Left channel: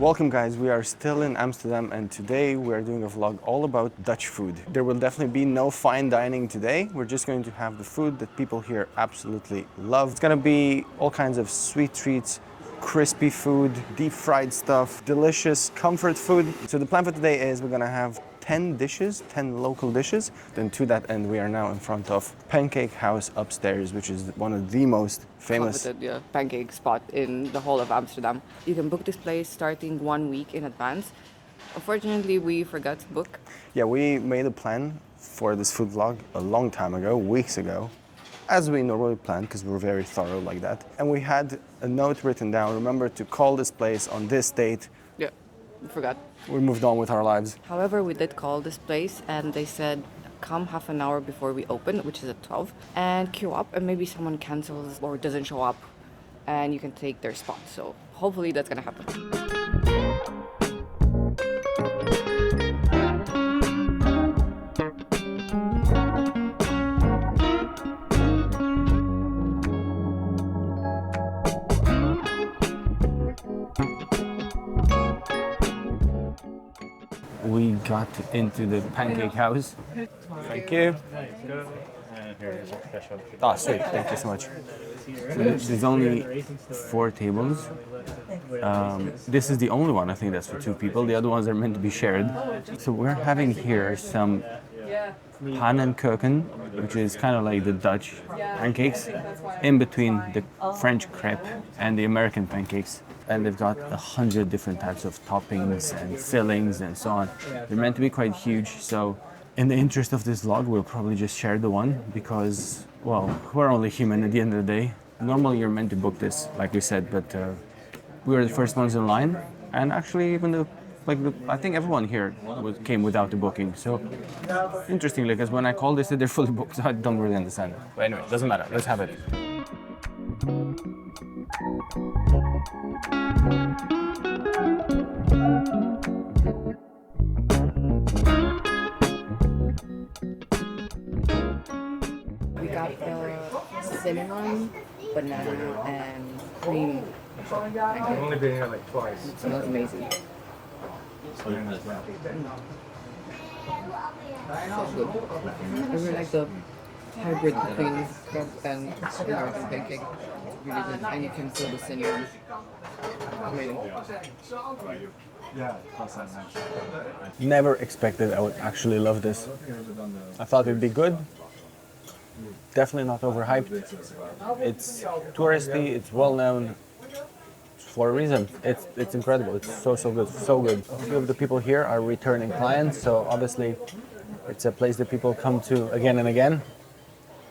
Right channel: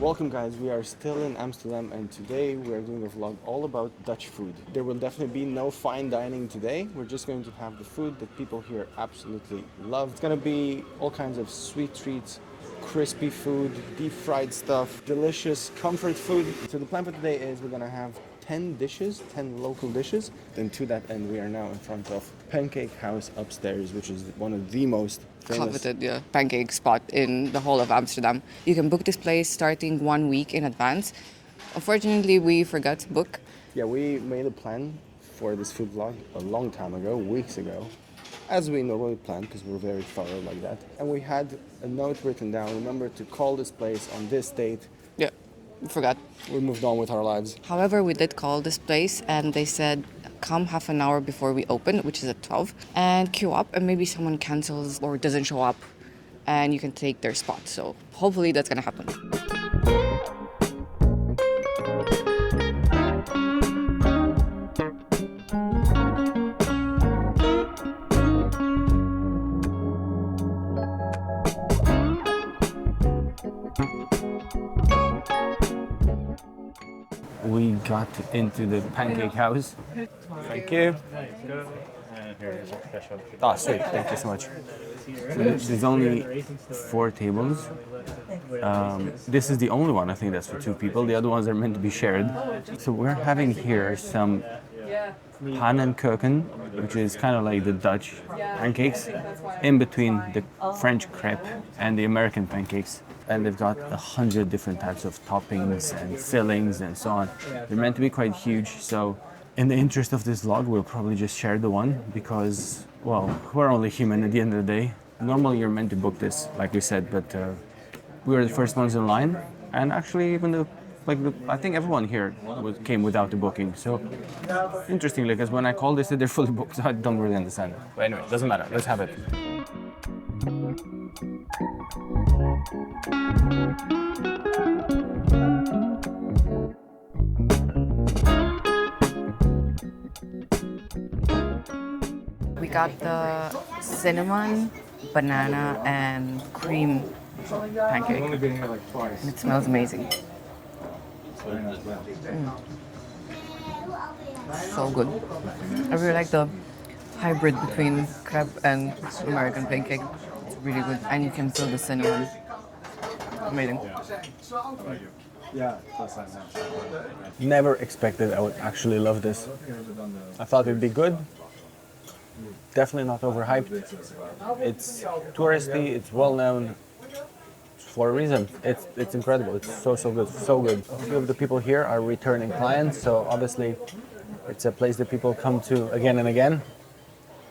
Welcome guys, we are still in Amsterdam and today we are doing a vlog all about Dutch food. There will definitely be no fine dining today. We're just going to have the food that people here absolutely love. It's gonna be all kinds of sweet treats, crispy food, deep fried stuff, delicious comfort food. So the plan for today is we're gonna have 10 dishes, 10 local dishes. Then to that end, we are now in front of Pancake House upstairs, which is one of the most famous coveted pancake spot in the whole of Amsterdam. You can book this place starting 1 week in advance. Unfortunately, we forgot to book. Yeah, we made a plan for this food vlog a long time ago, weeks ago, as we normally plan because we're very thorough like that. And we had a note written down, remember to call this place on this date. Yeah, we forgot. We moved on with our lives. However, we did call this place and they said, come half an hour before we open, which is at 12, and queue up and maybe someone cancels or doesn't show up and you can take their spot. So hopefully that's gonna happen. We got into the Pancake House. Thank you. Ah, sweet. Thank you so much. So there's only 4 tables. This is the only one, I think that's for 2 people. The other ones are meant to be shared. So we're having here some Pannenkoeken, which is kind of like the Dutch pancakes, in between the French crepe and the American pancakes. And they've got 100 different types of toppings and fillings and so on. They're meant to be quite huge, so in the interest of this vlog, we'll probably just share the one because, well, we're only human at the end of the day. Normally you're meant to book this, like we said, but we were the first ones in line, and actually even I think everyone here came without the booking. So interestingly, because when I called, they said they're fully booked, so I don't really understand it. But anyway, it doesn't matter. Let's have it. We got the cinnamon, banana, and cream pancake. I've only been here like twice. It smells amazing. So good. I really like the hybrid between crepe and American pancake. It's really good. And you can feel the cinnamon. Amazing. Never expected I would actually love this. I thought it'd be good. Definitely not overhyped. It's touristy, it's well known for a reason. It's incredible. It's so good, so good. A few of the people here are returning clients, so obviously it's a place that people come to again and again.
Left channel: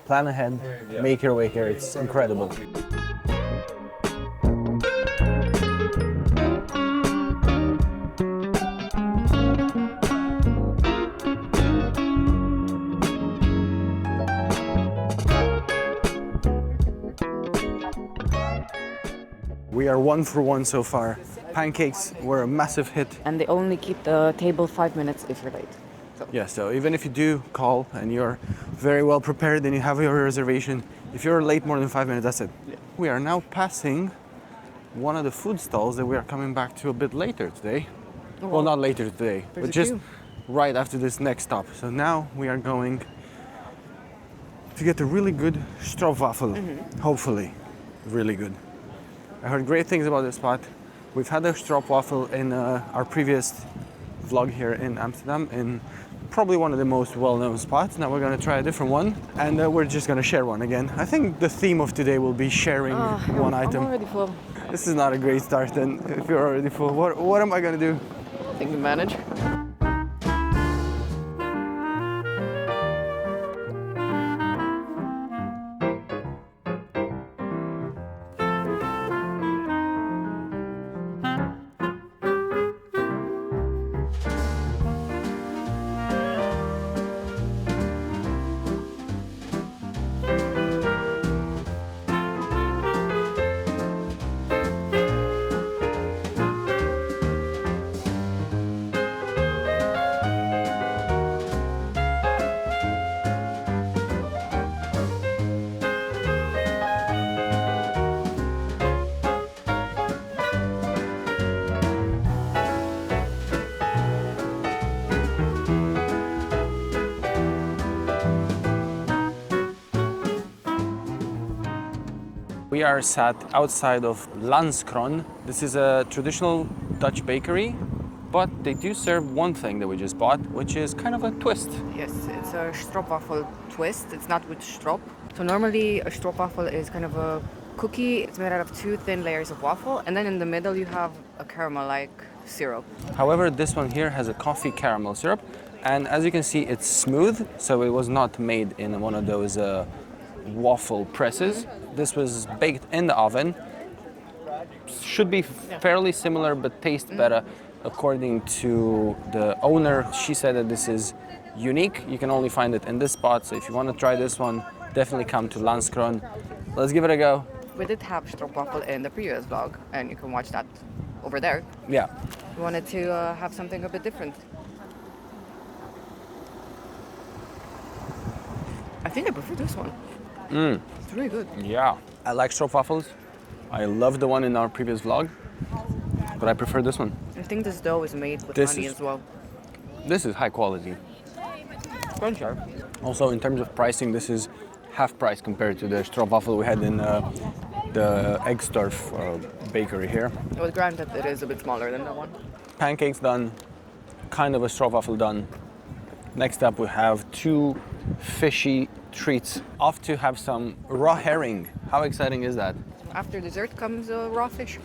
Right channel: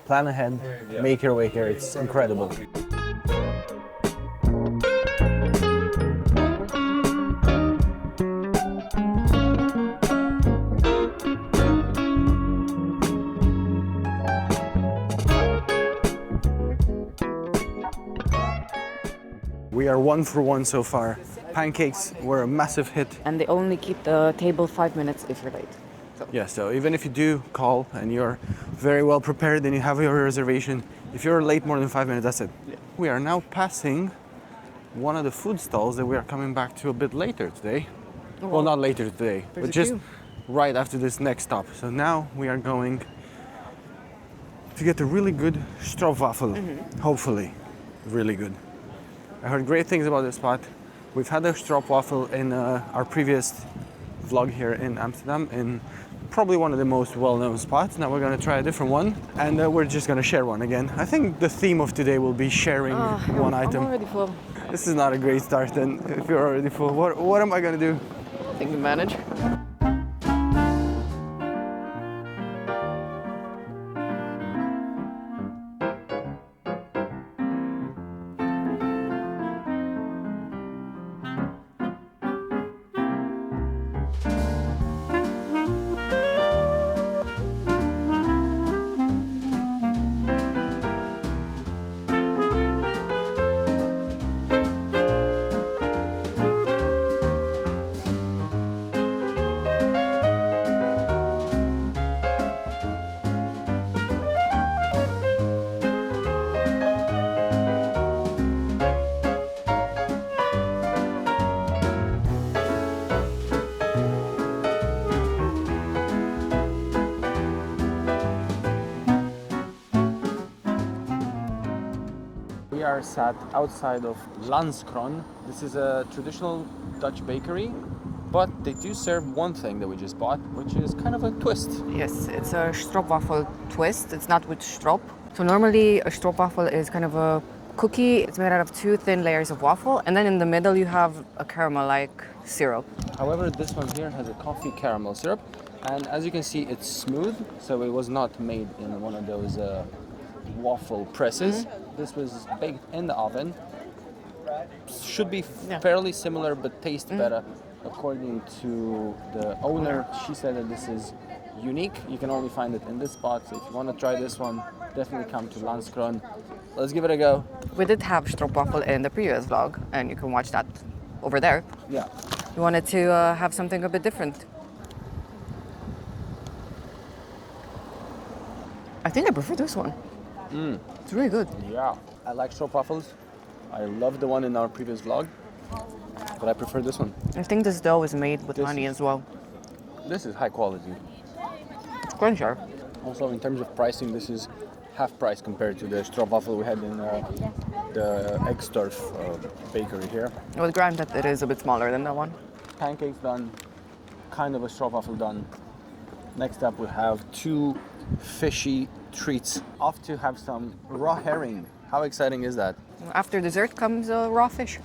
Plan ahead, make your way here. It's incredible. We are 1 for 1 so far. Pancakes were a massive hit. And they only keep the table 5 minutes if you're late. Yeah, so even if you do call and you're very well prepared and you have your reservation, if you're late more than 5 minutes, that's it. Yeah. We are now passing one of the food stalls that we are coming back to a bit later today. Oh, well, not later today, but just right after this next stop. So now we are going to get a really good Stroopwafel, hopefully. Really good. I heard great things about this spot. We've had a Stroopwafel in our previous vlog here in Amsterdam, in probably one of the most well-known spots. Now we're going to try a different one, and we're just going to share one again. I think the theme of today will be sharing one item. I'm already full. This is not a great start then, if you're already full. What am I going to do? I think we manage. we are sat outside of Landskron. This is a traditional Dutch bakery, but they do serve one thing that we just bought, which is kind of a twist. Yes, it's a Stroopwafel twist. It's not with strop. So normally a Stroopwafel is kind of a cookie. It's made out of 2 thin layers of waffle, and then in the middle you have a caramel-like syrup. However, this one here has a coffee caramel syrup, and as you can see, it's smooth, so it was not made in one of those waffle presses. This was baked in the oven. Should be fairly similar, but taste better. According to the owner, she said that this is unique. You can only find it in this spot, so if you want to try this one, definitely come to Landskron. Let's give it a go. We did have Stroopwafel in the previous vlog, and you can watch that over there. Yeah. We wanted to have something a bit different. I think I prefer this one. It's really good. Yeah. I like stroopwafels. I love the one in our previous vlog, but I prefer this one. I think this dough is made with honey as well. This is high quality. It's quite sharp. Also, in terms of pricing, this is half price compared to the stroopwafel we had in the Eggstorf bakery here. Well, granted, it is a bit smaller than that one. Pancakes done, kind of a stroopwafel done. Next up, we have 2 fishy treats. Off to have some raw herring. How exciting is that? After dessert comes raw fish.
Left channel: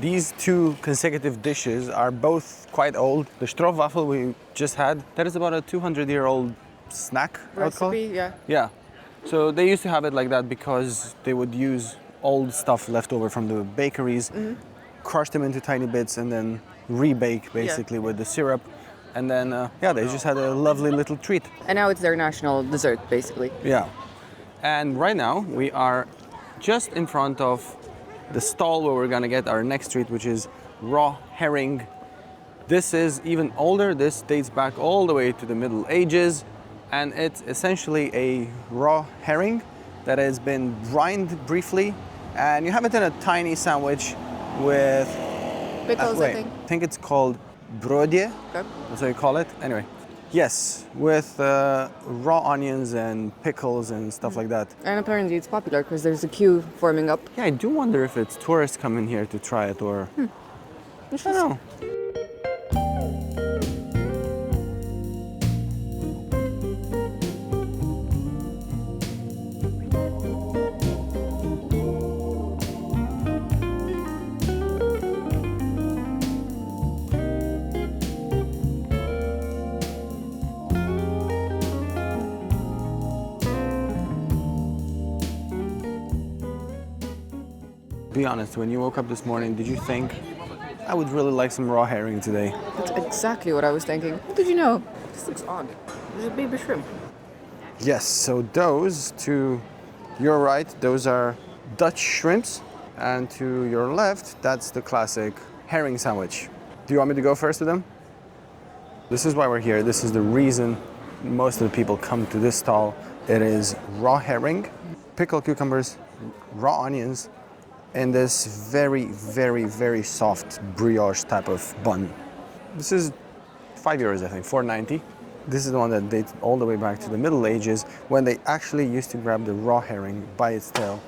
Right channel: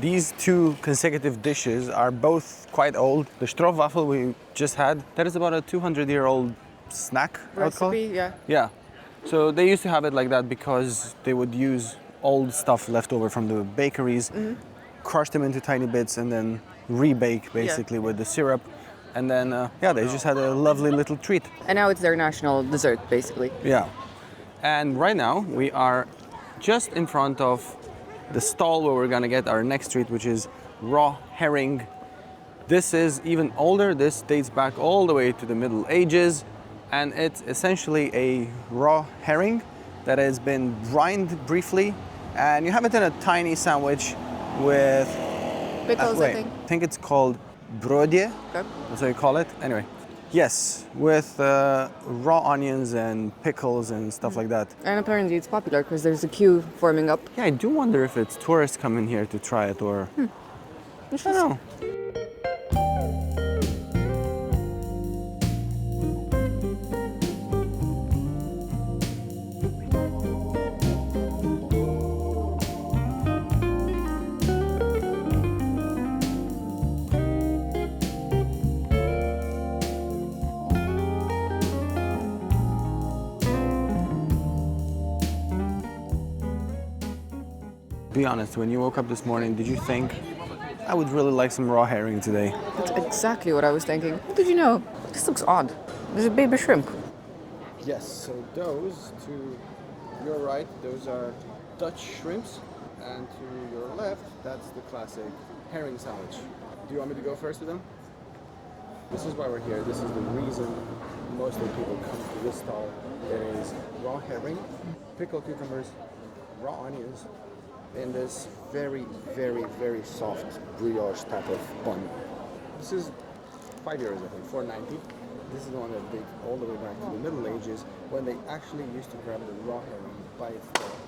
These 2 consecutive dishes are both quite old. The Stroopwafel we just had, that is about a 200-year-old snack, I would call it. Recipe, yeah. Yeah. So they used to have it like that because they would use old stuff left over from the bakeries, crush them into tiny bits, and then rebake basically with the syrup. And then, they just had a lovely little treat. And now it's their national dessert, basically. Yeah. And right now we are just in front of the stall where we're gonna get our next treat, which is raw herring. This is even older. This dates back all the way to the Middle Ages, and it's essentially a raw herring that has been brined briefly, and you have it in a tiny sandwich with Pickles, I think. I think it's called broodje. Okay. That's what you call it. Anyway, yes, with raw onions and pickles and stuff like that. And apparently it's popular because there's a queue forming up. Yeah, I do wonder if it's tourists coming here to try it or I don't know. Be honest, when you woke up this morning, did you think, I would really like some raw herring today? That's exactly what I was thinking. What did you know? This looks odd. There's a baby shrimp. Yes, so those to your right, those are Dutch shrimps, and to your left, that's the classic herring sandwich. Do you want me to go first with them? This is why we're here. This is the reason most of the people come to this stall. It is raw herring, pickled cucumbers, raw onions, and this very, very, very soft brioche type of bun. This is €5, I think, $4.90. This is the one that dates all the way back to the Middle Ages when they actually used to grab the raw herring by its tail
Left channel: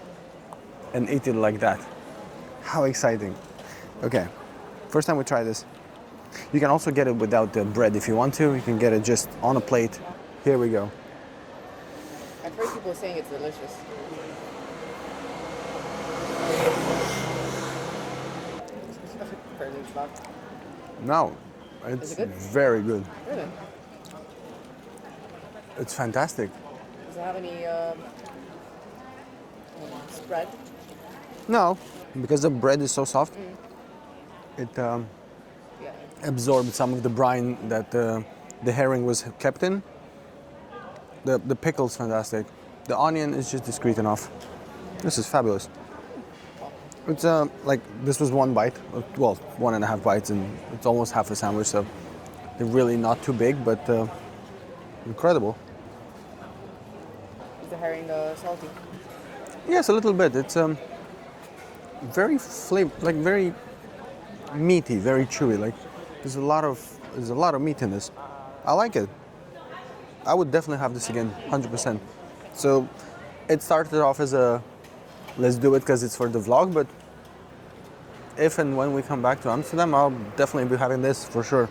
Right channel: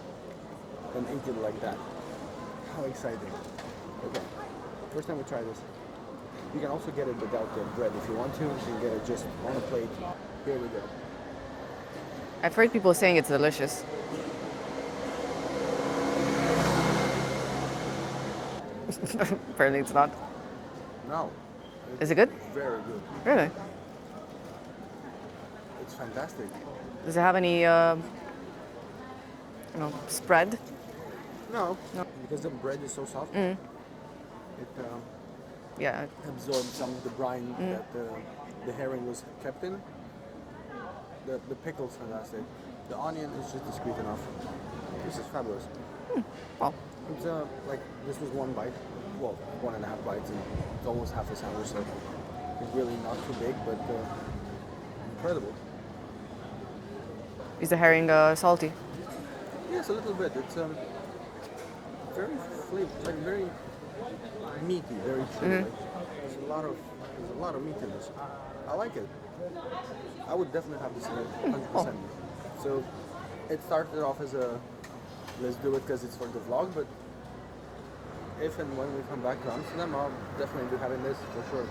and eat it like that. How exciting. Okay, first time we try this. You can also get it without the bread if you want to. You can get it just on a plate. Here we go. I've heard people saying it's delicious. Apparently it's not. No. Is it good? Very good. Really? It's fantastic. Does it have any spread? No, because the bread is so soft, it Yeah. absorbed some of the brine that the herring was kept in. The pickle's fantastic. The onion is just discreet enough. This is fabulous. Well, It's like this was one bite, well, 1.5 bites, and it's almost half a sandwich, so they're really not too big, but incredible. is the herring salty? Yes, a little bit. It's very very meaty, very chewy. Like there's a lot of meat in this. I like it. I would definitely have this again, 100%. So it started off as a let's do it because it's for the vlog, but if and when we come back to Amsterdam, I'll definitely be having this for sure.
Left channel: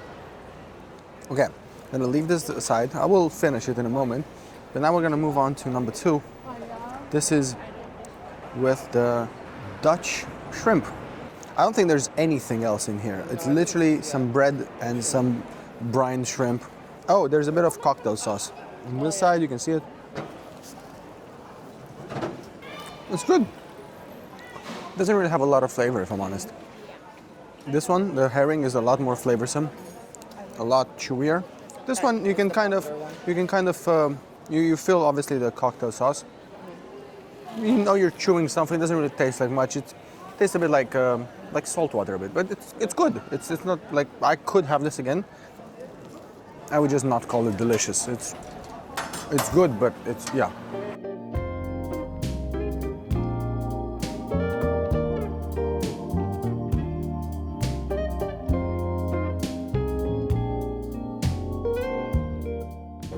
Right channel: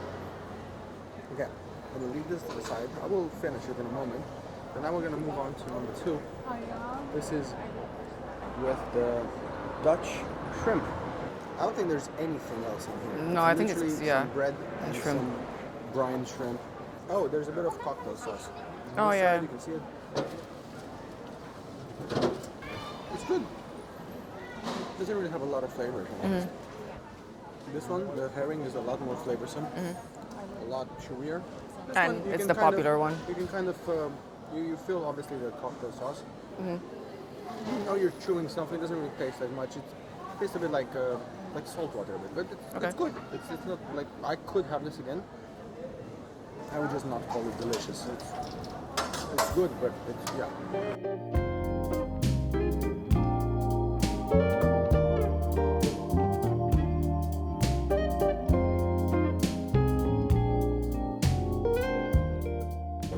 Okay, I'm gonna leave this aside. I will finish it in a moment. But now we're gonna move on to number 2. This is with the Dutch shrimp. I don't think there's anything else in here. No, It's I think literally it's, some bread and shrimp. some brine shrimp. Oh, there's a bit of cocktail sauce. On this side, you can see it. It's good. Doesn't really have a lot of flavor, if I'm honest. This one, the herring, is a lot more flavorsome, a lot chewier. This And one, you it's can the kind of, popular one. you can kind of, you feel obviously the cocktail sauce. You know you're chewing something. It doesn't really taste like much. It tastes a bit like salt water a bit, but it's good. It's not like I could have this again. I would just not call it delicious. It's good, but it's yeah.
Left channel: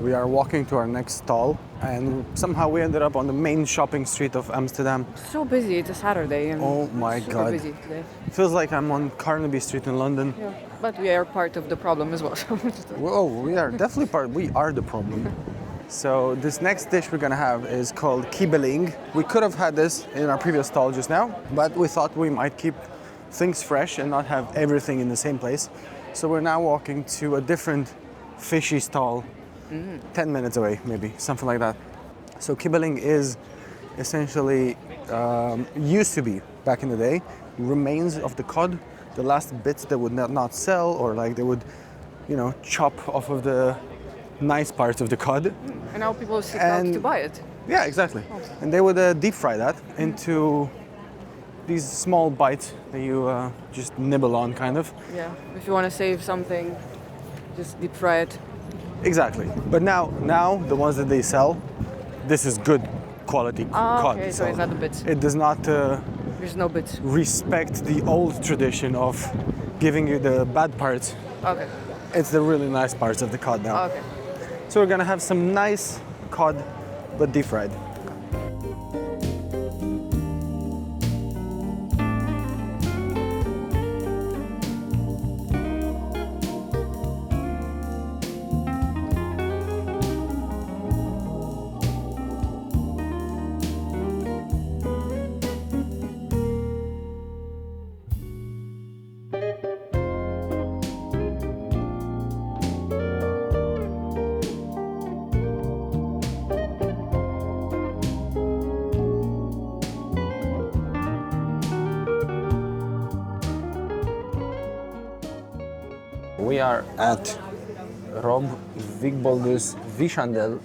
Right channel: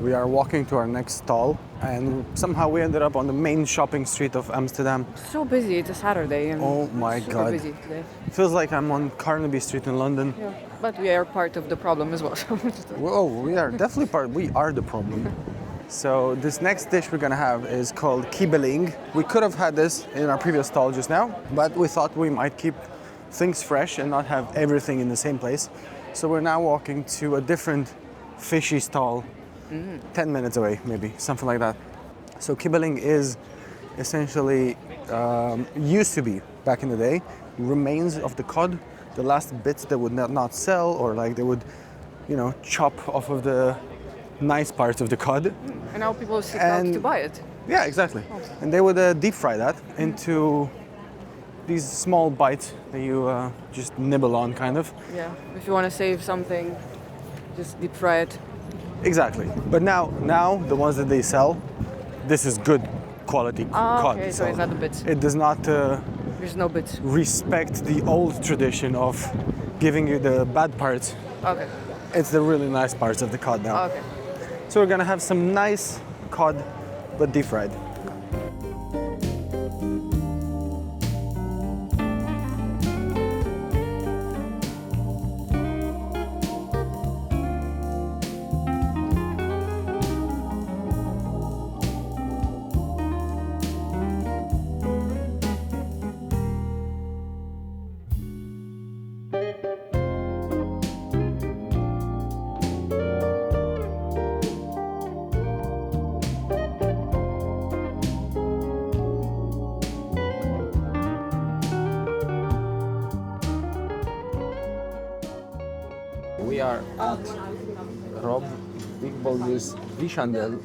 We are walking to our next stall, and somehow we ended up on the main shopping street of Amsterdam. So busy. It's a Saturday. And Oh my super God. busy today. Feels like I'm on Carnaby Street in London. Yeah. But we are part of the problem as well. Whoa, we are definitely we are the problem. So this next dish we're gonna have is called Kibbeling. We could have had this in our previous stall just now, but we thought we might keep things fresh and not have everything in the same place. So we're now walking to a different fishy stall, 10 minutes away maybe, something like that. So Kibbeling is essentially, used to be back in the day, remains of the cod, the last bits that would not sell, or like they would, chop off of the nice parts of the cod. And now people sit out to buy it. Yeah, exactly. And they would deep fry that into these small bites that you just nibble on, kind of. Yeah. If you want to save something, just deep fry it. Exactly. But now the ones that they sell, this is good quality cod. Okay, so it's not the bits. It does not There's no bits. respect the old tradition of giving you the bad parts. Okay. It's the really nice parts of the cod now. Okay. So we're gonna have some nice cod, but deep fried. We are at Rob Wigboldus Vichandel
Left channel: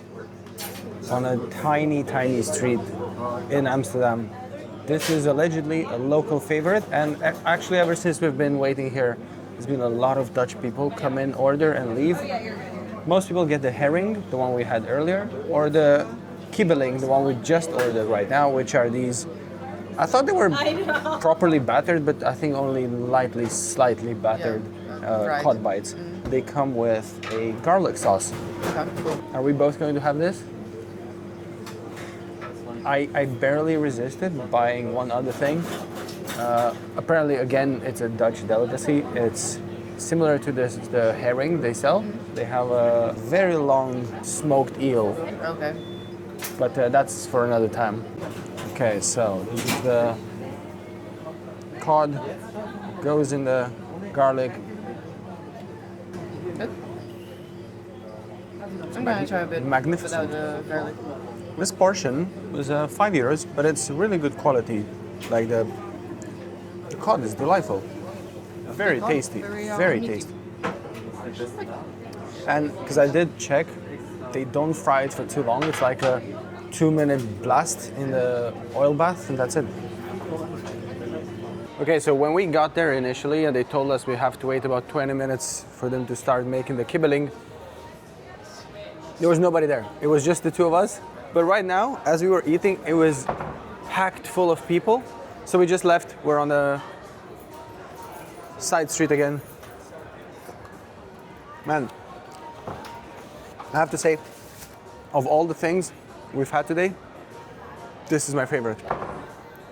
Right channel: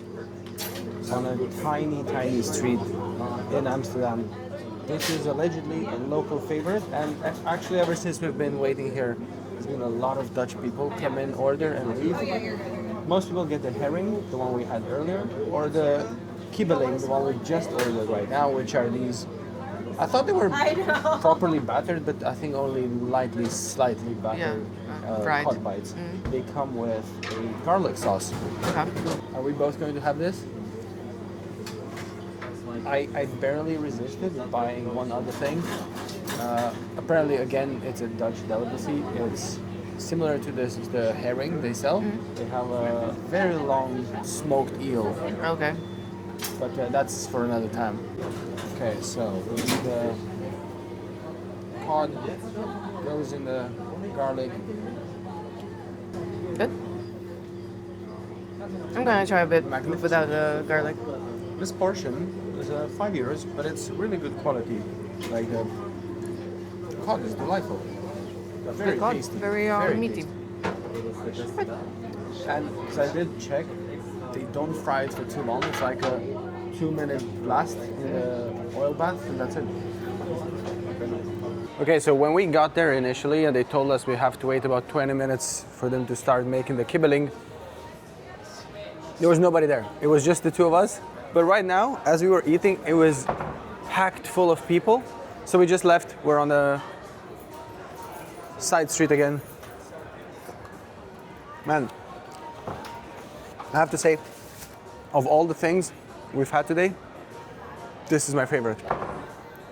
on a tiny, tiny street in Amsterdam. This is allegedly a local favorite, and actually ever since we've been waiting here, there's been a lot of Dutch people come in, order and leave. Most people get the herring, the one we had earlier, or the kibbeling, the one we just ordered right now, which are these. I thought they were properly battered, but I think only slightly battered Fried. cod bites. They come with a garlic sauce. Okay. Are we both going to have this? I barely resisted buying one other thing. Apparently, again, it's a Dutch delicacy. It's similar to the herring they sell. They have a very long smoked eel, Okay. but that's for another time. Okay, so this is the cod, goes in the garlic. Good. I'm gonna try a bit Magnificent. without the garlic. This portion is €5, but it's really good quality. Like the cod is delightful. Very cod, tasty. very, meaty. tasty. And because I did check, they don't fry it for too long. It's like a 2-minute blast in the oil bath, and that's it. Okay, so when we got there initially, and they told us we have to wait about 20 minutes for them to start making the kibbeling, there was nobody there. It was just the two of us. But right now, as we were eating, it was packed full of people. So we just left. We're on the side street again. Man, I have to say, of all the things we've had today, this is my favorite.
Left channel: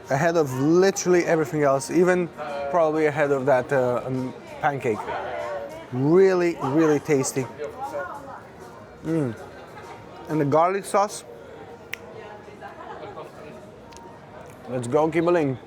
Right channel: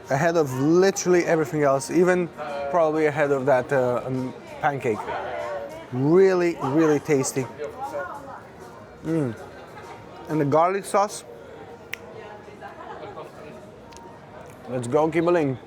Ahead of literally everything else, even probably ahead of that pancake. Really, really tasty. And the garlic sauce. Let's go, Kibbeling.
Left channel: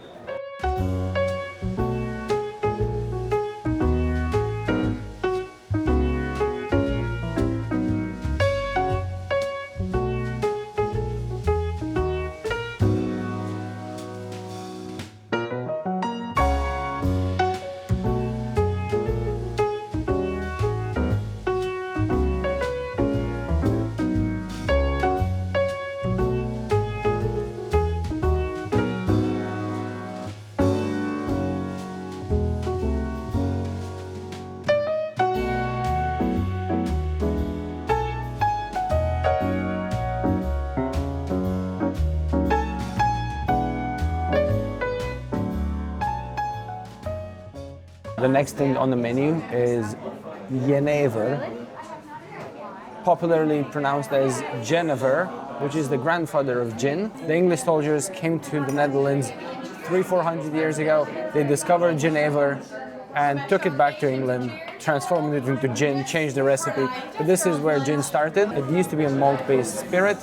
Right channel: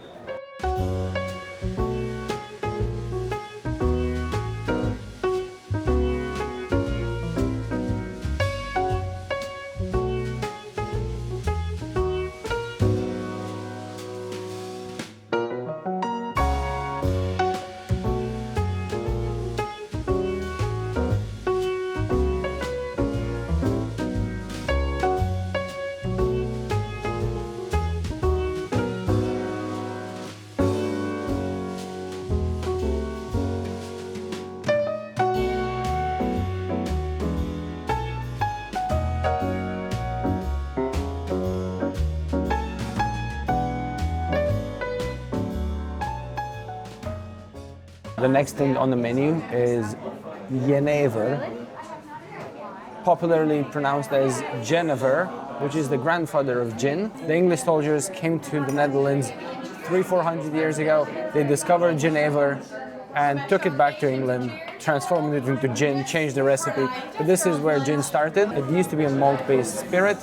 The next thing on the menu is jenever, popularly pronounced as Genever, which is the grandfather of gin. The English soldiers came to the Netherlands 300-400 years ago. They discovered jenever and took it back to England, transformed it into gin, changed the recipe. But this is where gin started. It used to be a malt-based spirit,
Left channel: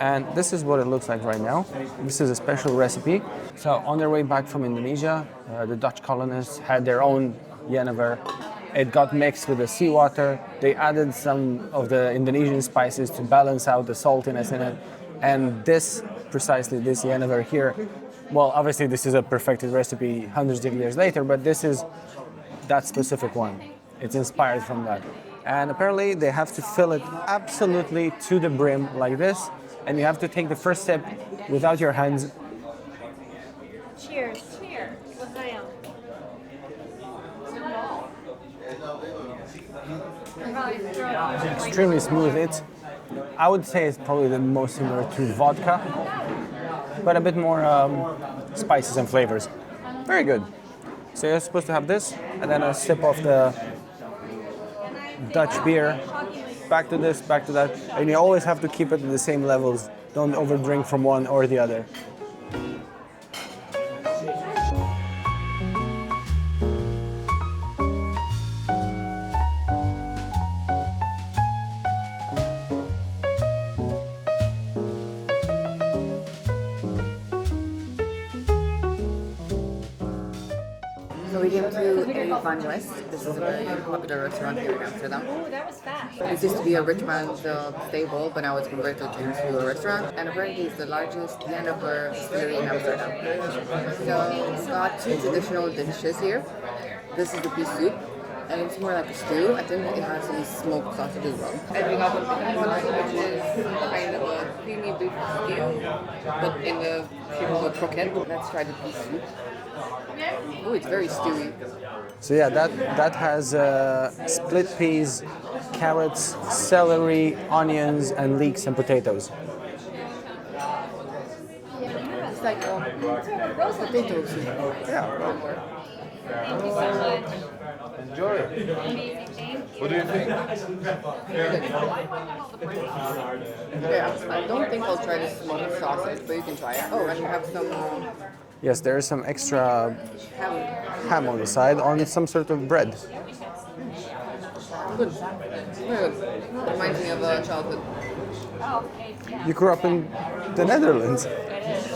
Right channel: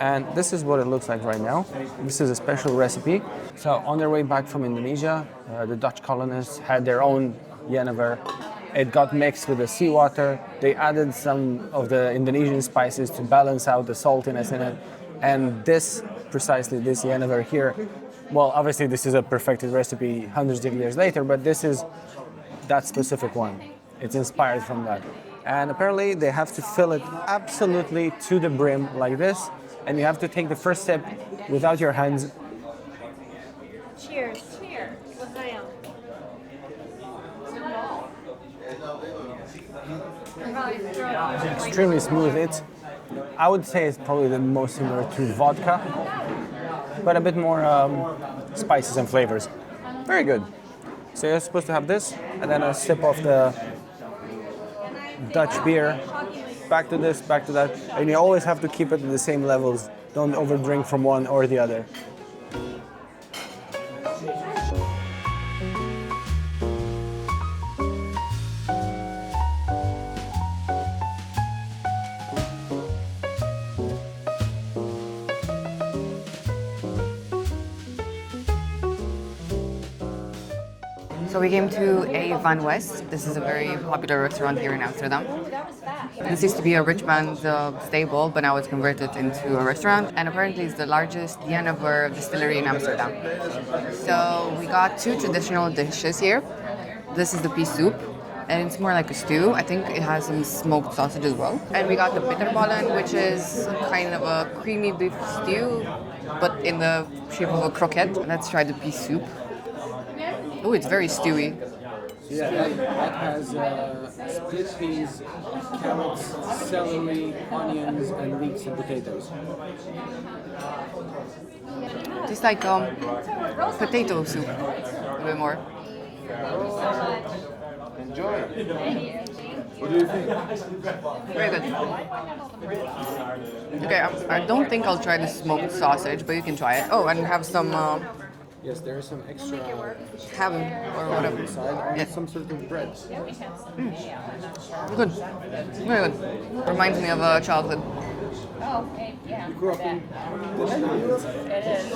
and this is what it looks like right now. This is a special recipe. So on their way back from Indonesia, the Dutch colonists had their own jenever. It got mixed with the seawater. They added some of the Indonesian spices to balance out the saltiness in it. And this, precisely this jenever here, well, obviously this is a perfected recipe hundreds of years later, but this is that specific one. It's inspired from that. And apparently they have to fill it absolutely to the brim like this. And you have to take the first sip without your hands. Cheers. Cheers. It's extremely smooth. I would say it's probably the most similar to vodka, but a bit more spices and flavors. Very good. So you're supposed to have this, and then a sip of the Dutch beer. Back to this, back to that. And you always have to keep it at the same levels. Don't overdrink from one or the other. So we came to a Van West. This is a very popular restaurant here in Amsterdam. This used to be a rich man's stable, but now it's converted into a restaurant. And apparently it's the largest jenever distillery in Amsterdam. So we got two traditional dishes here. This is the Pea Soup, and it's more like a stew. I think it has some smoked sausage as well. And we got the Bitterballen, which is kind of a creamy beef stew, but in the shape of a croquette. Let's try the Pea Soup. Oh, it's very stewy. So yeah, that has split peas, carrots, celery, onions, and leeks and potatoes. It's like potato soup. Yeah, a bit more. Enjoy. What do you think? Very good. Okay, I don't think I'll try the smoked sausage, but you can try it. Oh, and we have some Yes, there is some extra ham. ham on the side on some sort of bread. Good. Very good. Reminds me of childhood. You grew up in the Netherlands.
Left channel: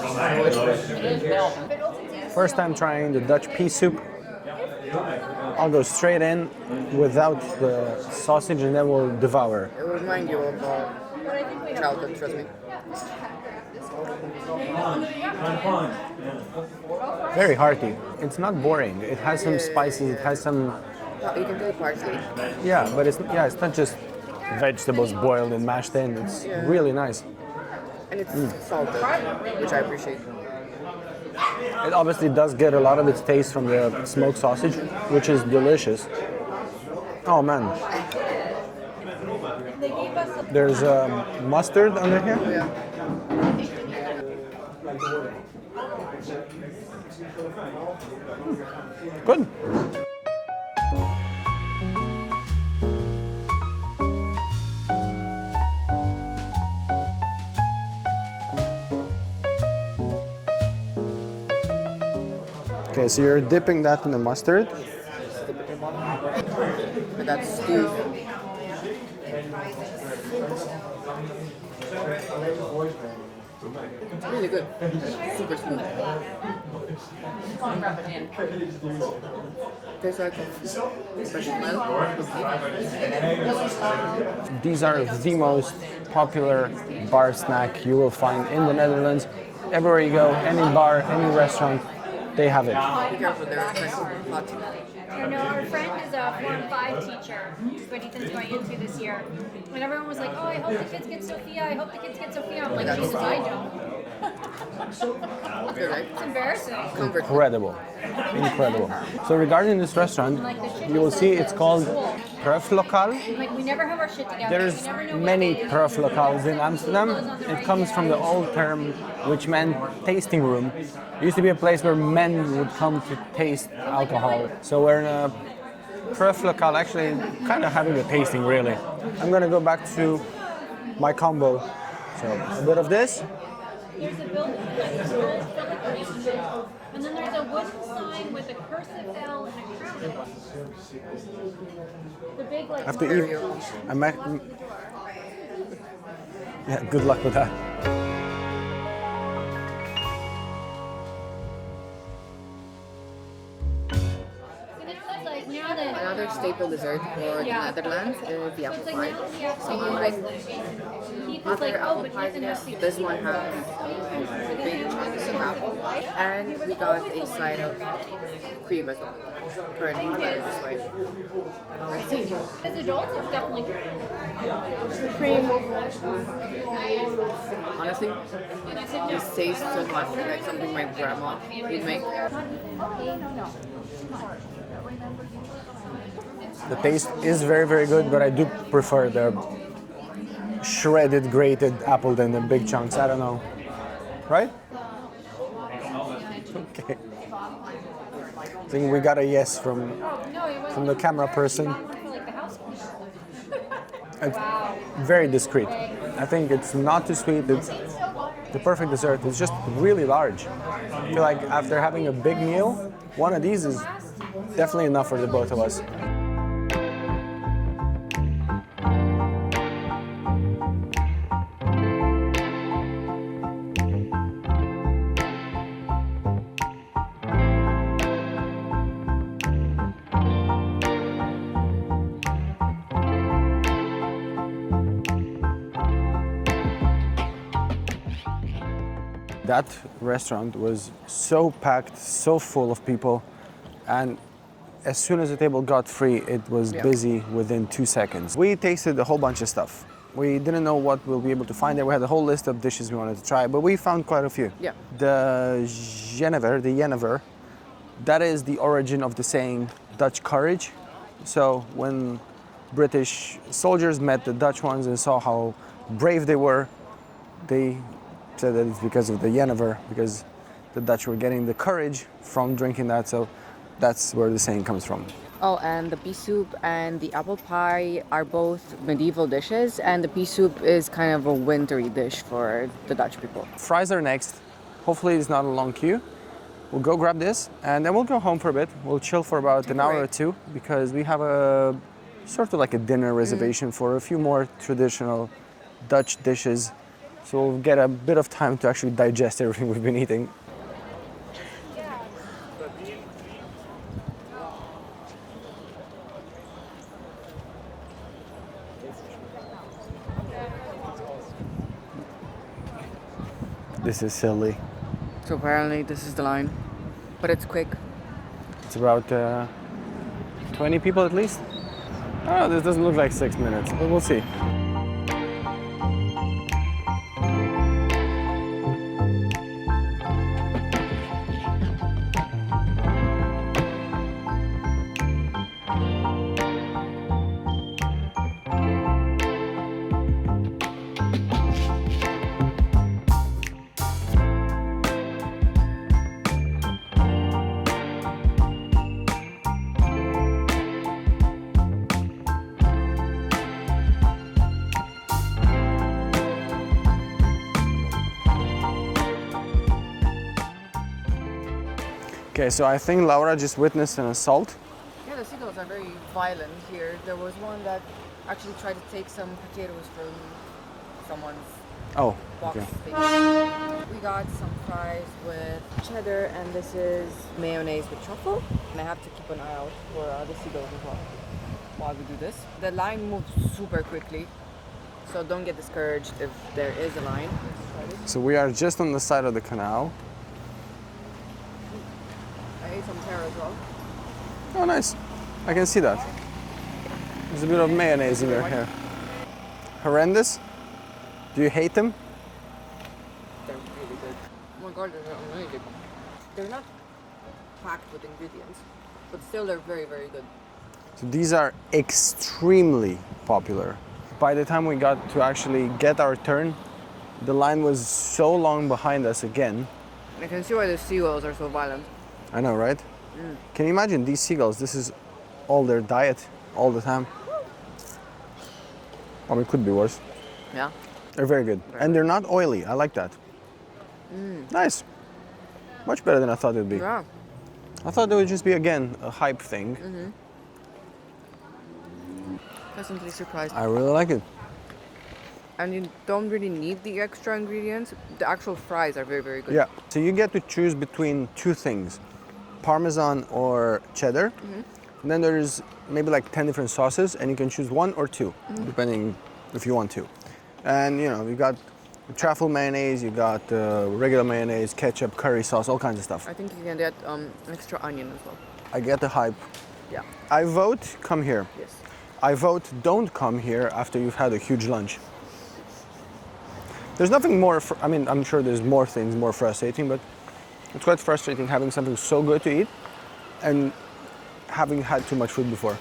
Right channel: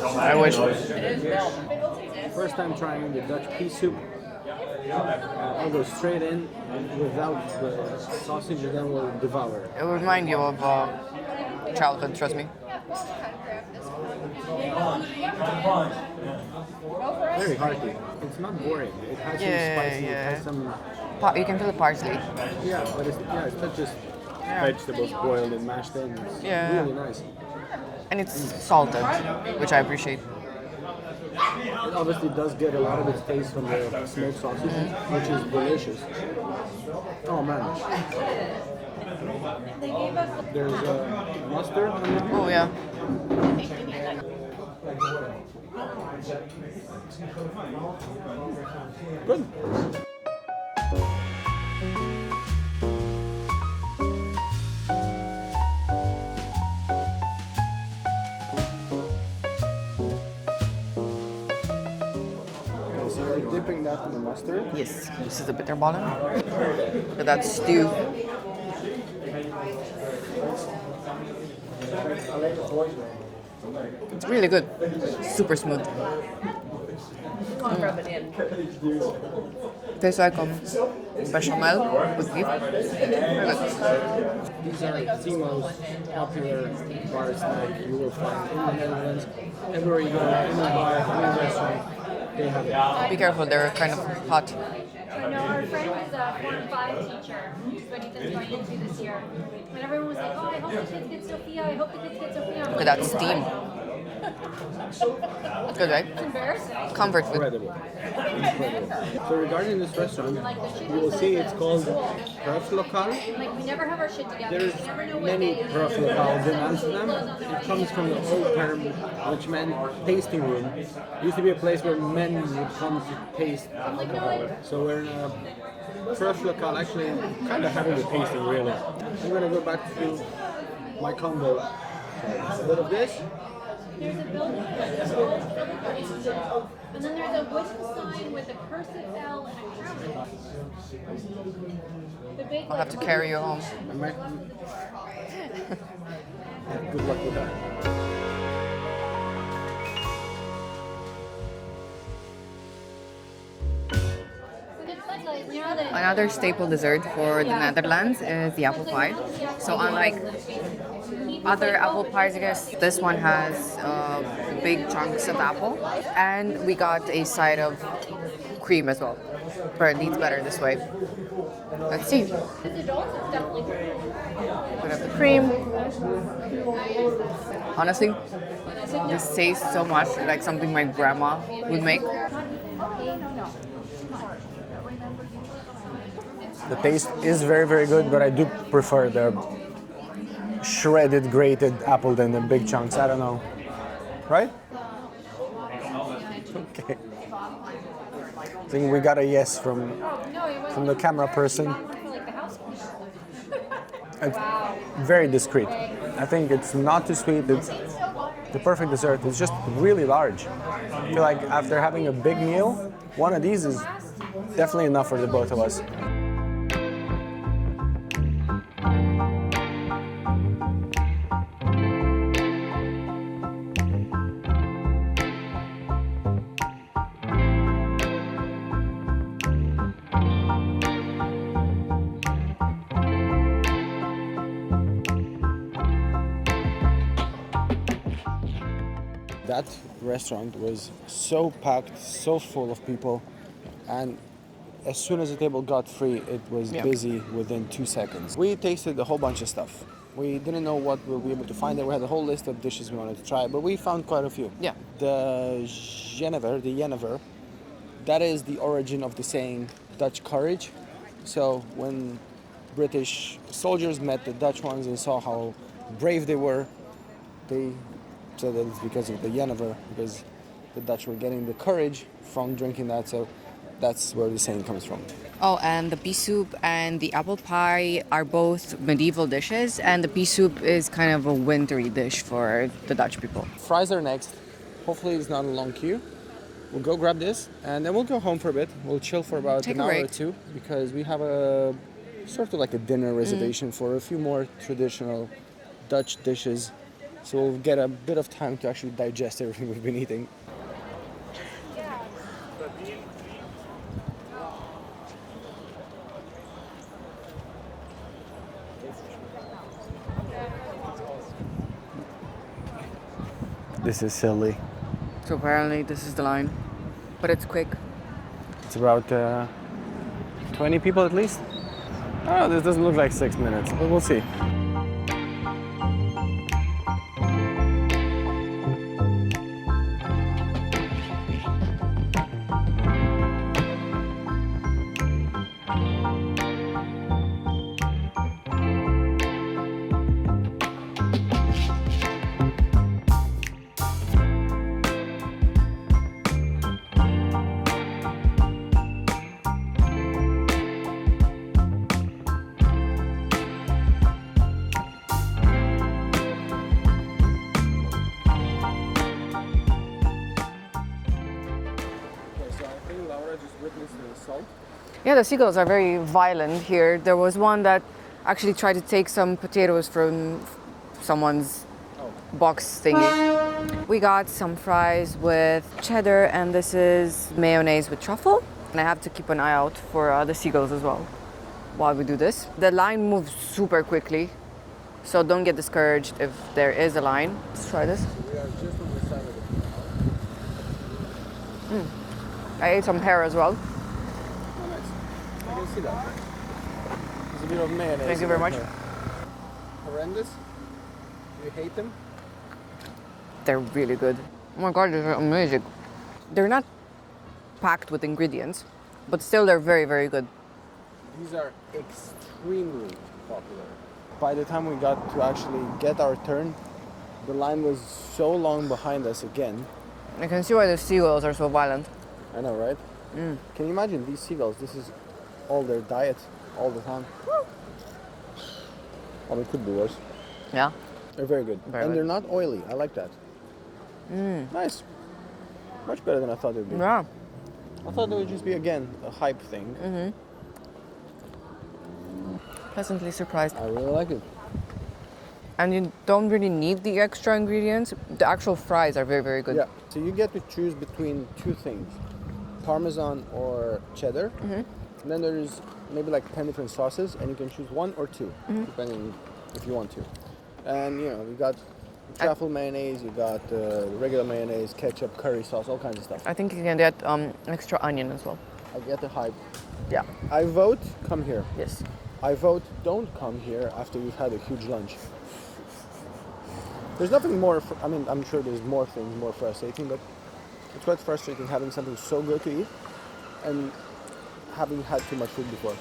I wish. First time trying the Dutch pea soup. I'll go straight in without the sausage and then we'll devour. It will remind you of childhood, trust me. Very hearty. It's not boring. It has some spices. It has some. You can feel parsley. Yeah, but it's not just vegetables boiled and mashed in. It's really nice. And it's salted, which I appreciate. It obviously does get a lot of its taste from the smoked sausage, which is delicious. Oh man. There's mustard under here. Oh yeah. Good. Okay, so you're dipping that in the mustard. Yes, this is the Bitterballen. So that's stew. It's really good. Super smooth. Tastes like bechamel with beef. These are the most popular bar snack you will find in the Netherlands. Everywhere you go, any bar, any restaurant, they have it. Be careful, they're kind of hot. I know our friend is a Form 5 teacher, what Ethan's going into this year. When everyone was like, oh, I hope the kids get Sophia, I hope the kids get Sophia. I'm like, Without "Oh, steam. I don't." Good, right? It's embarrassing. Comfort food. Incredible. Incredible. So regarding this restaurant, you will see it's called Proeflokaal. Like, we never have our shit together. There's We never know what many day it is. Proeflokaals in Amsterdam. It comes from the old term which meant tasting room. It used to be a place where men would come to taste alcohol. So we're in a Proeflokaal, actually kind of having a tasting really. I'm gonna go back to my combo. So a bit of this. There's a building and then there's a wooden sign with a cursive L and a crown. The big I'll have like, to carry you home. Yeah, good luck with that. Another staple dessert for the Netherlands is the apple pie. So unlike other apple pies, I guess this one has big chunks of apple, and we got a side of cream as well. Apparently it's better this way. Let's see. Cream. Honestly, this tastes so much like something my grandma would make. The taste is very, very good, but I do prefer the shredded, grated apple than the big chunks. I don't know. Right? Okay. I think we got a yes from the camera person. It's very discreet. I think it's not too sweet. It's the perfect dessert. It's just really large. I feel like after having a big meal, one of these is definitely enough for the both of us. That restaurant was so packed, so full of people, and as soon as the table got free, it was busy within 2 seconds. We tasted a whole bunch of stuff. We didn't know what we'll be able to find there. We had a whole list of dishes we wanted to try, but we found quite a few. Yeah. The Jenever, that is the origin of the saying Dutch courage. So when British soldiers met the Dutch ones and saw how brave they were, they said that it's because of the Jenever, because the Dutch were getting the courage from drinking that, so that's where the saying comes from. Oh, and the pea soup and the apple pie are both medieval dishes, and the pea soup is kind of a wintry dish for the Dutch people. Fries are next. Hopefully it's not a long queue. We'll go grab this, and then we'll go home for a bit. We'll chill for about Take an a hour or break. two, because we have a sort of like a dinner reservation for a few more traditional Dutch dishes. So we'll get a bit of time to actually digest everything we've been eating. This is silly. So apparently this is the line, but it's quick. It's about 20 people at least. Oh, this doesn't look like 6 minutes, but we'll see. Okay, so I think Laura just witnessed an assault. Yeah, the seagulls are very violent here. There was one that actually tried to take some potatoes from someone's box thingy. We got some fries with cheddar, and this is mayonnaise with truffle. And I have to keep an eye out for the seagulls as well while we do this. The line moves super quickly, so don't get discouraged if there is a line. Let's try this. So we are just on the side of the canal. I ate some pear as well. Oh, nice. I can see that. There's a bit of mayonnaise Thank in you there. very much. Horrendous? Do you hate them? They're really good. Oh my god, they're amazing. They're not packed with ingredients, but still they're very, very good. So these are extremely popular. By the time we got to actually get our turn, the line was so long behind us again. I can see why the seagulls are so violent. I know, right? Can you imagine these seagulls? This is all their diet, all the time. I mean, it could be worse. Yeah. They're very good. Very And good. they're not oily. I like that. Nice. Much better than I thought it would be. Yeah. I thought it would just be, again, a hype thing. Pleasantly surprised. I really like it. And you don't really need the extra ingredients. The actual fries are very, very good. Yeah. So you get to choose between two things, Parmesan or cheddar. And then there's maybe like 10 different sauces, and you can choose one or two, depending if you want to. And you know, you got truffle mayonnaise, you got regular mayonnaise, ketchup, curry sauce, all kinds of stuff. I think you can get extra onion as well. I get the hype. Yeah. I vote come here. Yes. I vote don't come here after you've had a huge lunch. There's nothing more, I mean, I'm sure there's more things more frustrating, but it's quite frustrating having something so good to eat and having had too much food before.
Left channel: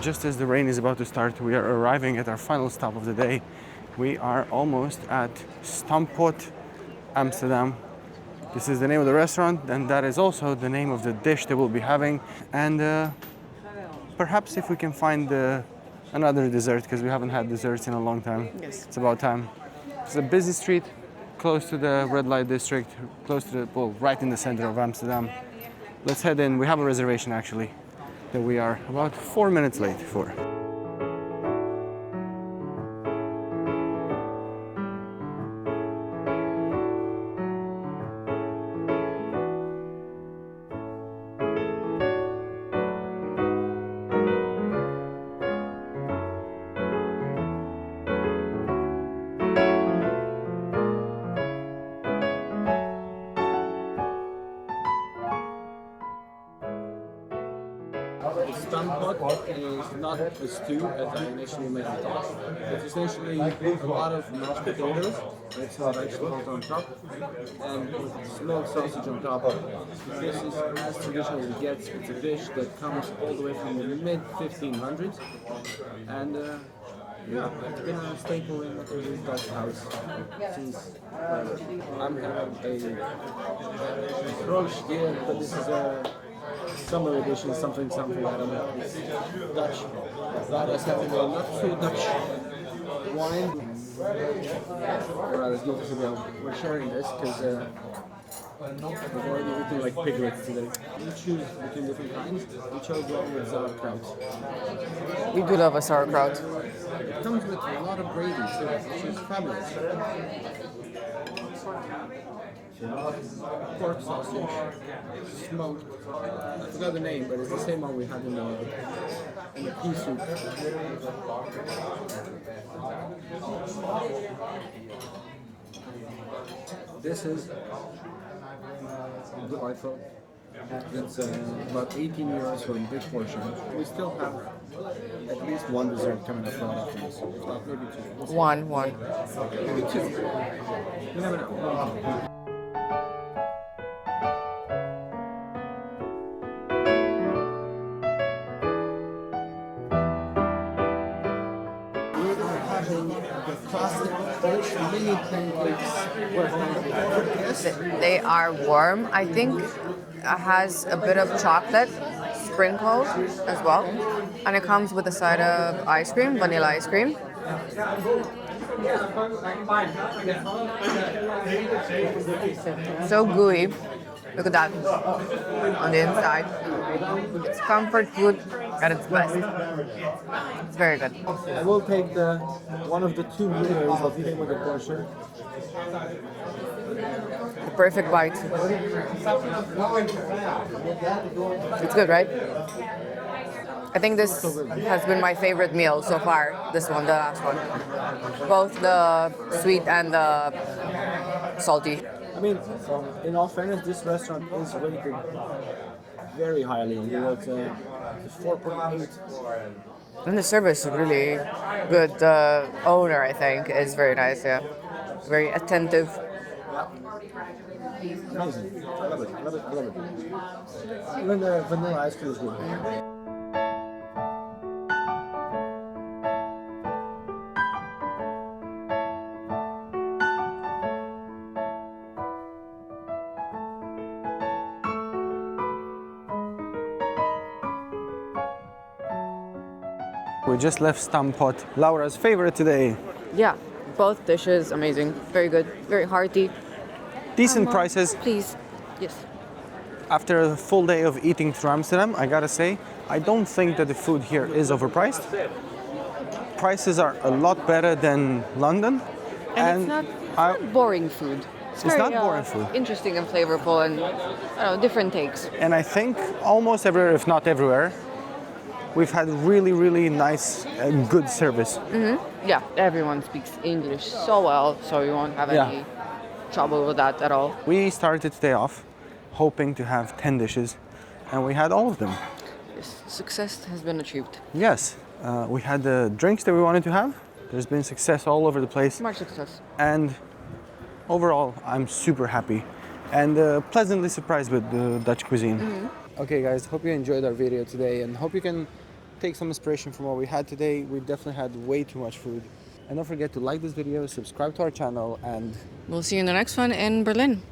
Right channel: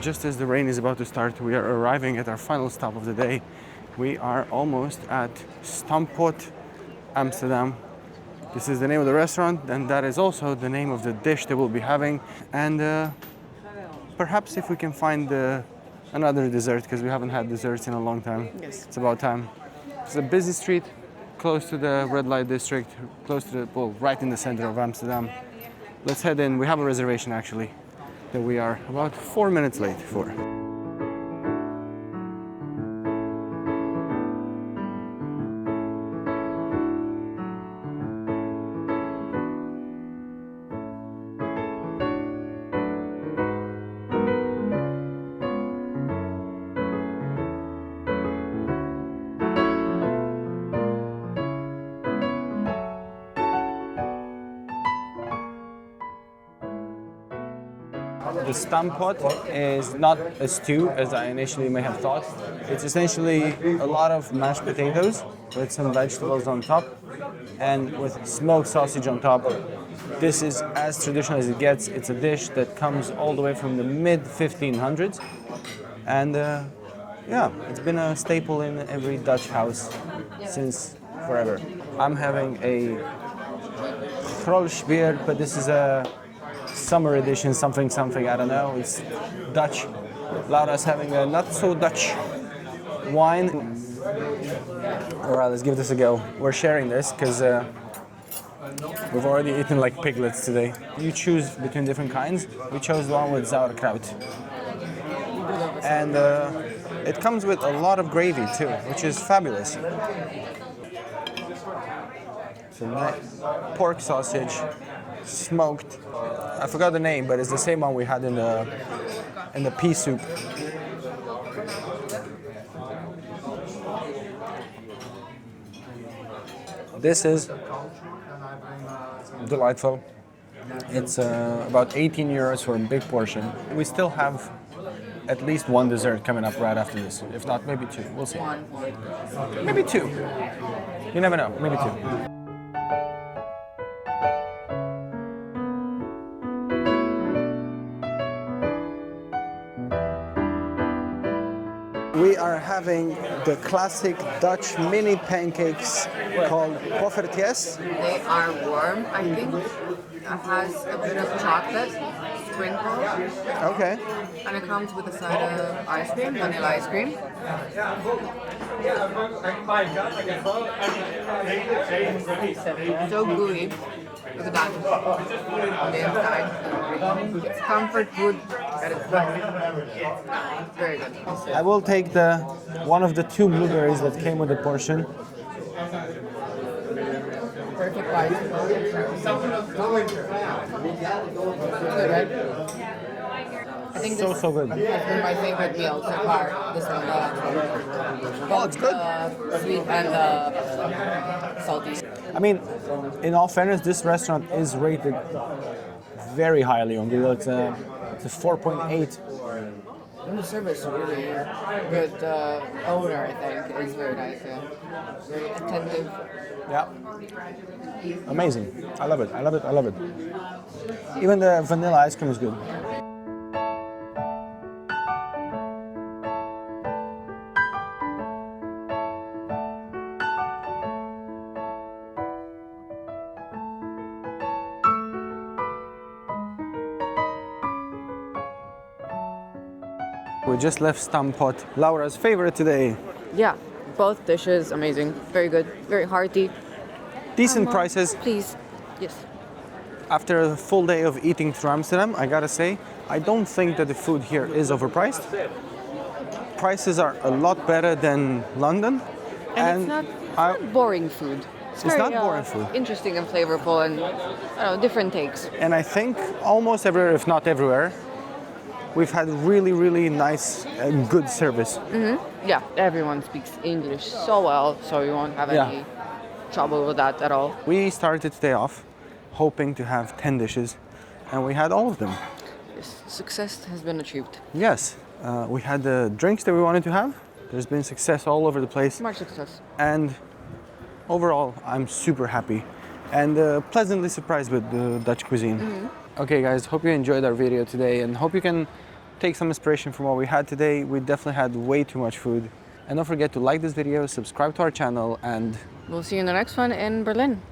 Just as the rain is about to start, we are arriving at our final stop of the day. We are almost at Stamppot, Amsterdam. This is the name of the restaurant, and that is also the name of the dish that we'll be having. And perhaps if we can find another dessert, because we haven't had desserts in a long time. Yes. It's about time. It's a busy street, close to the red light district, close to the, well, right in the center of Amsterdam. Let's head in. We have a reservation actually that we are about 4 minutes late for. The Stamppot is not a stew, as I initially may have thought. It's essentially a lot of mashed potatoes with some vegetables on top and with smoked sausage on top. This is as traditional as it gets. It's a dish that comes all the way from the mid-1500s. And yeah, it's been a staple in every Dutch house since forever. I'm having a Krolsbier, but this is a summer edition, something, I don't know. It's Dutch. Laura's having a not so Dutch wine. All right, let's give this a go. We're sharing this because we've already eaten like piglets today. You choose between different kinds. We chose the one with sauerkraut. We could have a sauerkraut. And it comes with a lot of gravy too, which is fabulous. pork sausage, smoked. I forgot the name, but it's the same one we had in the pea soup. This is delightful. It's about 18 euros for a big portion. We still have at least one dessert coming up right after this. If not, maybe two. We'll see. One. Maybe two. You never know. Maybe two. We are having the classic Dutch mini pancakes called Poffertjes. They are warm. I think it has a bit of chocolate sprinkled as well. Okay. And it comes with a side of ice cream, vanilla ice cream. So gooey. Look at that on the inside. It's comfort food at its best. It's very good. I will take one of the two blueberries that came with the portion. Perfect bite. It's good, right? I think this So good. has been my favorite meal so far. This one, both the sweet and the salty. I mean, in all fairness, this restaurant is rated very highly on Google. It's a 4.8. And the service is really good. The owner, I think, is very nice. Yeah, very attentive. Yeah. Amazing. I love it. I love it. I love it. Even the vanilla ice cream is good. We just left Stamppot, Laura's favorite today. Yeah, both dishes amazing. Very good. Very hearty. Decent prices. Please. Yes. After a full day of eating through Amsterdam, I gotta say, I don't think that the food here is overpriced. Prices are a lot better than London. And it's not boring food. It's not boring food. Interesting and flavorful and different takes. And I think almost everywhere, if not everywhere, we've had really, really nice and good service. Yeah, everyone speaks English so well, so you won't have any trouble with that at all. We started today off hoping to have 10 dishes, and we had all of them. Yes, success has been achieved. Yes, we had the drinks that we wanted to have. There's been success all over the place. Much success. And overall, I'm super happy and pleasantly surprised with the Dutch cuisine. Okay guys, hope you enjoyed our video today and hope you can take some inspiration from what we had today. We definitely had way too much food. And don't forget to like this video, subscribe to our channel, and we'll see you in the next one in Berlin.